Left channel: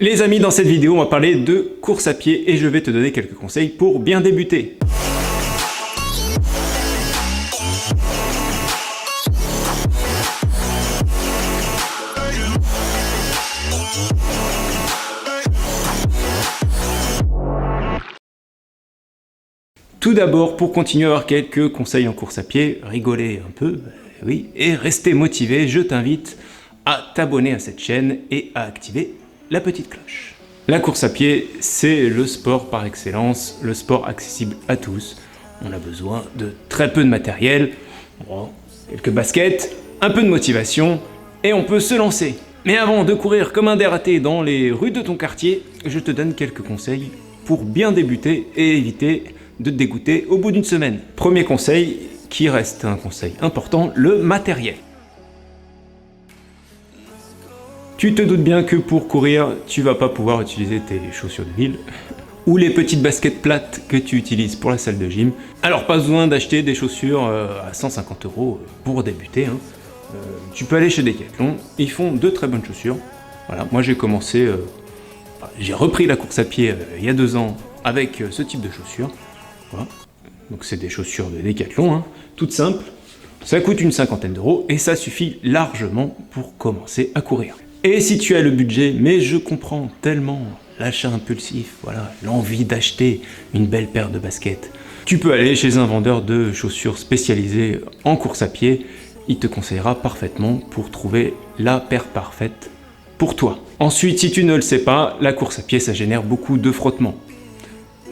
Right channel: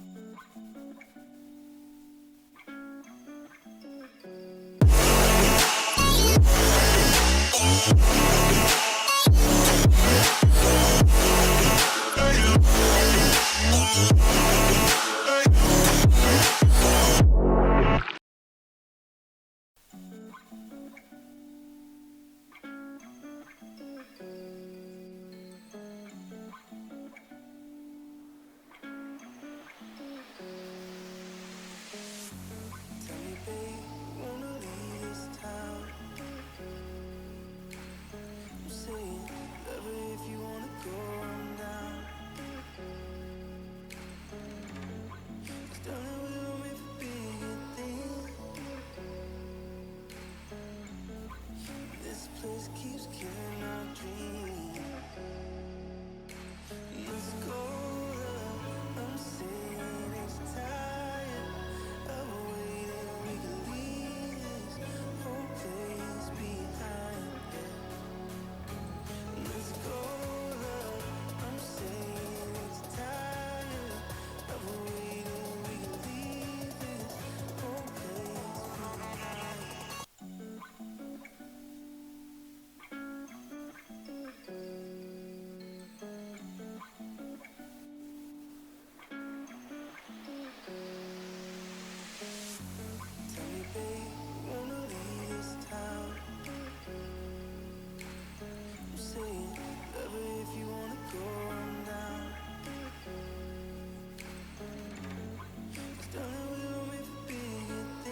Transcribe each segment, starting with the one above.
Les amis, dans cette vidéo, on va parler de course à pied et je vais te donner quelques conseils pour bien débuter. Tout d'abord, pour continuer à avoir quelques conseils en course à pied, rigoler un peu, oui, et rester motivé, je t'invite à t'abonner à cette chaîne et à activer la petite cloche. La course à pied, c'est le sport par excellence, le sport accessible à tous. On a besoin de très peu de matériel, quelques baskets, un peu de motivation, et on peut se lancer. Mais avant de courir comme un dératé dans les rues de ton quartier, je te donne quelques conseils pour bien débuter et éviter de te dégoûter au bout d'une semaine. Premier conseil, qui reste un conseil important, le matériel. Tu te doutes bien que pour courir, tu vas pas pouvoir utiliser tes chaussures de ville ou les petites baskets plates que tu utilises pour la salle de gym. Alors pas besoin d'acheter des chaussures à 150 € pour débuter. Tu peux aller chez Decathlon, ils font de très bonnes chaussures. Voilà, moi j'ai commencé, j'ai repris la course à pied il y a 2 ans avec ce type de chaussures. Voilà. Donc c'est des chaussures de Decathlon, toutes simples. Ça coûte une 50aine d'euros et ça suffit largement pour commencer à courir. Et si tu as le budget, mais je comprends tellement l'achat impulsif, voilà, l'envie d'acheter une belle paire de baskets, tu peux aller chez un vendeur de chaussures spécialisé en course à pied. Il te conseillera parfaitement pour trouver la paire parfaite pour toi. Ensuite, si tu ne le sais pas, la course à pied, ça génère beaucoup de frottements.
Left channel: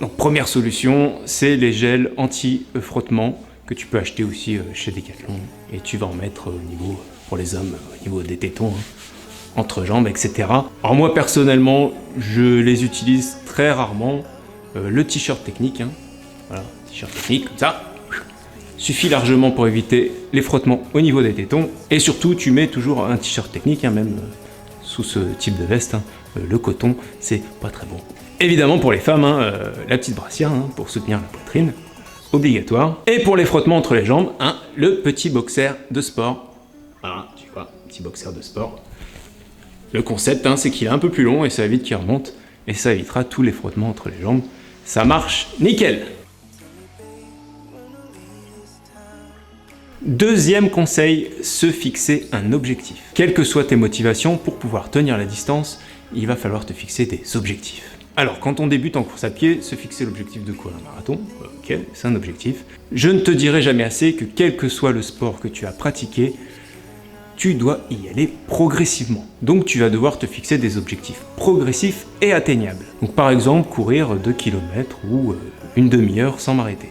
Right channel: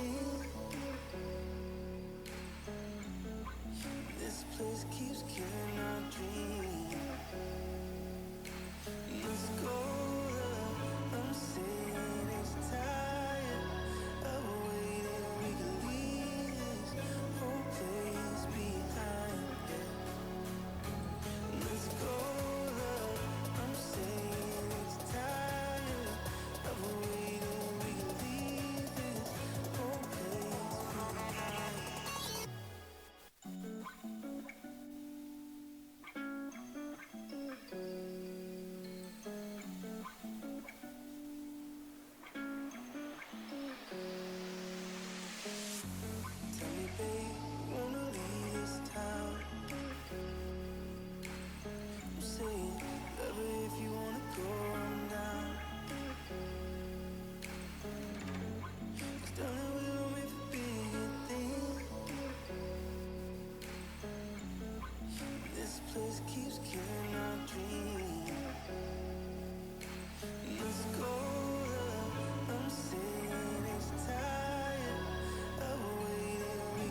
Donc première solution, c'est les gels anti-frottement que tu peux acheter aussi chez Decathlon. Et tu vas en mettre au niveau, pour les hommes, au niveau des tétons, entre jambes, etc. Alors moi personnellement, je les utilise très rarement. Le t-shirt technique, voilà, t-shirt technique, comme ça, suffit largement pour éviter les frottements au niveau des tétons. Et surtout, tu mets toujours un t-shirt technique, même sous ce type de veste. Le coton, c'est pas très bon. Évidemment pour les femmes, la petite brassière pour soutenir la poitrine, obligatoire. Et pour les frottements entre les jambes, le petit boxer de sport. Voilà, tu vois, petit boxer de sport. Le concept, c'est qu'il est un peu plus long et ça évite qu'il remonte. Et ça évitera tous les frottements entre les jambes. Ça marche nickel. Deuxième conseil, se fixer un objectif. Quelles que soient tes motivations, pour pouvoir tenir la distance, il va falloir te fixer des objectifs. Alors, quand on débute en course à pied, se fixer l'objectif de quoi? Un marathon? Ok, c'est un objectif. Je ne te dirai jamais assez que quel que soit le sport que tu as pratiqué, tu dois y aller progressivement. Donc tu vas devoir te fixer des objectifs progressifs et atteignables. Donc par exemple, courir 2 km ou une demi-heure sans m'arrêter.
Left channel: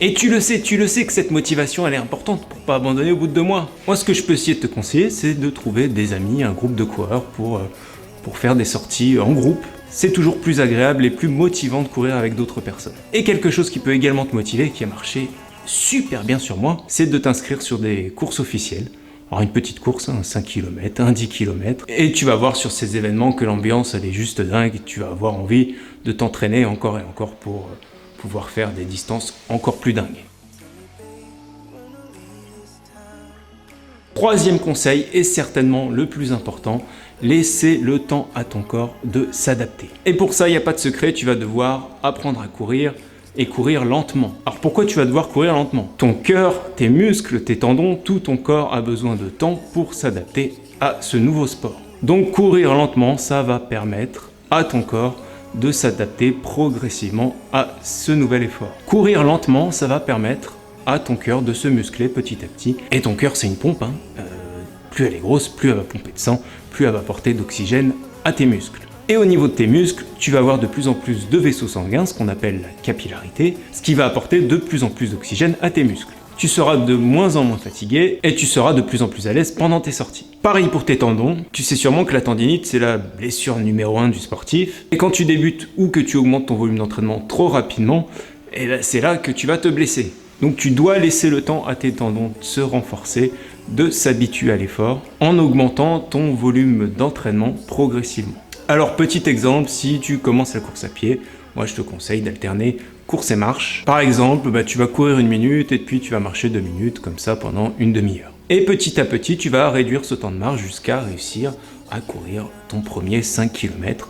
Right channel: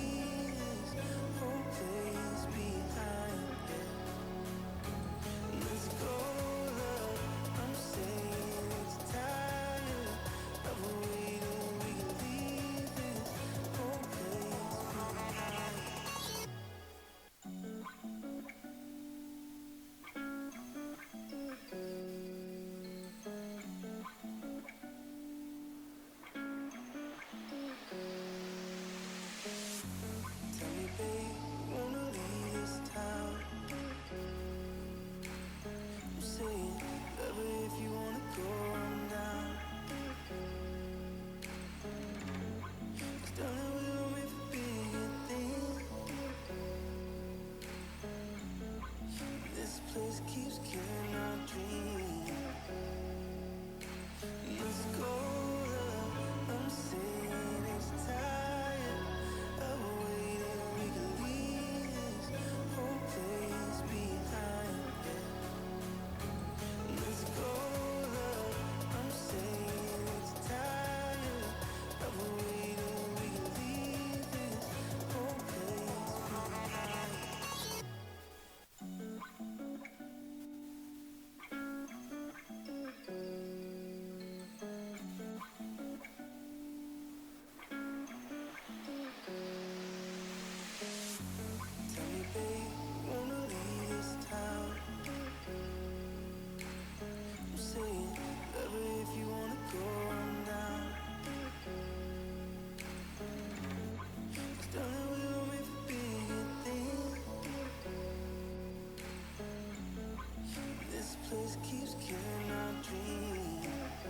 Et tu le sais que cette motivation elle est importante pour pas abandonner au bout de 2 mois. Moi ce que je peux essayer de te conseiller, c'est de trouver des amis, un groupe de coureurs pour faire des sorties en groupe. C'est toujours plus agréable et plus motivant de courir avec d'autres personnes. Et quelque chose qui peut également te motiver, qui a marché super bien sur moi, c'est de t'inscrire sur des courses officielles. Alors une petite course, un 5 km, un 10 km, et tu vas voir sur ces événements que l'ambiance elle est juste dingue, et tu vas avoir envie de t'entraîner encore et encore pour pouvoir faire des distances encore plus dingues. Troisième conseil, et certainement le plus important, laisser le temps à ton corps de s'adapter. Et pour ça, il n'y a pas de secret, tu vas devoir apprendre à courir et courir lentement. Alors pourquoi tu vas devoir courir lentement? Ton cœur, tes muscles, tes tendons, tout ton corps a besoin de temps pour s'adapter à ce nouveau sport. Donc courir lentement, ça va permettre à ton corps de s'adapter progressivement à ce nouvel effort. Courir lentement, ça va permettre à ton cœur de se muscler petit à petit. Et ton cœur, c'est une pompe. Plus elle est grosse, plus elle va pomper de sang, plus elle va apporter d'oxygène à tes muscles. Et au niveau de tes muscles, tu vas avoir de plus en plus de vaisseaux sanguins, ce qu'on appelle la capillarité, ce qui va apporter de plus en plus d'oxygène à tes muscles. Tu seras de moins en moins fatigué et tu seras de plus en plus à l'aise pendant tes sorties. Pareil pour tes tendons, tu sais sûrement que la tendinite c'est la blessure numéro 1 du sportif. Et quand tu débutes ou que tu augmentes ton volume d'entraînement trop rapidement, c'est là que tu vas te blesser. Donc tu dois laisser le temps à tes tendons de se renforcer, de s'habituer à l'effort, en augmentant ton volume d'entraînement progressivement. Alors petit exemple, si tu commences la course à pied, moi je te conseille d'alterner course et marche. Par exemple, tu vas courir 1 minute et puis tu vas marcher 2 minutes comme ça pendant une demi-heure. Et petit à petit, tu vas réduire ce temps de marche jusqu'à réussir à courir ton premier 5 km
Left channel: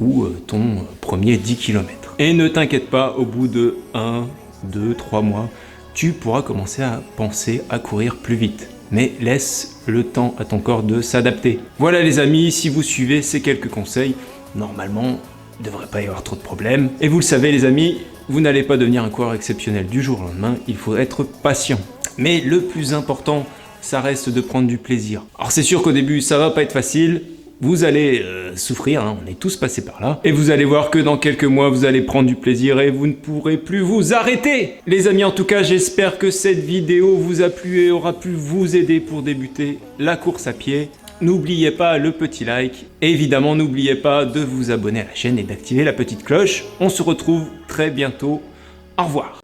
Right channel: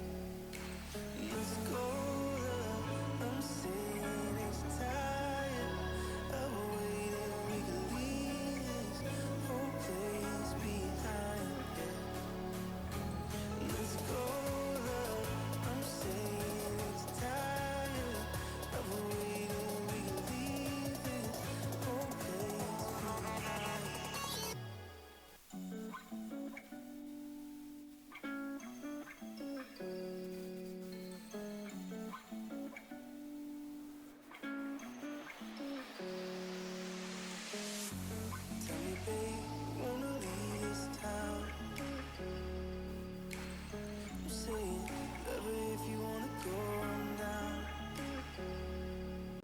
ou ton premier 10 km. Et ne t'inquiète pas, au bout de 1, 2, 3 mois, tu pourras commencer à penser à courir plus vite. Mais laisse le temps à ton corps de s'adapter. Voilà les amis, si vous suivez ces quelques conseils, normalement, il ne devrait pas y avoir trop de problèmes. Et vous le savez les amis, vous n'allez pas devenir un coureur exceptionnel du jour au lendemain, il faut être patient. Mais le plus important, ça reste de prendre du plaisir. Alors c'est sûr qu'au début, ça va pas être facile, vous allez souffrir, hein, on est tous passés par là. Et vous allez voir que dans quelques mois, vous allez prendre du plaisir et vous ne pourrez plus vous arrêter. Les amis, en tout cas, j'espère que cette vidéo vous a plu et aura pu vous aider pour débuter la course à pied. N'oubliez pas le petit like. Et évidemment, n'oubliez pas de vous abonner à la chaîne et d'activer la petite cloche. On se retrouve très bientôt. Au revoir.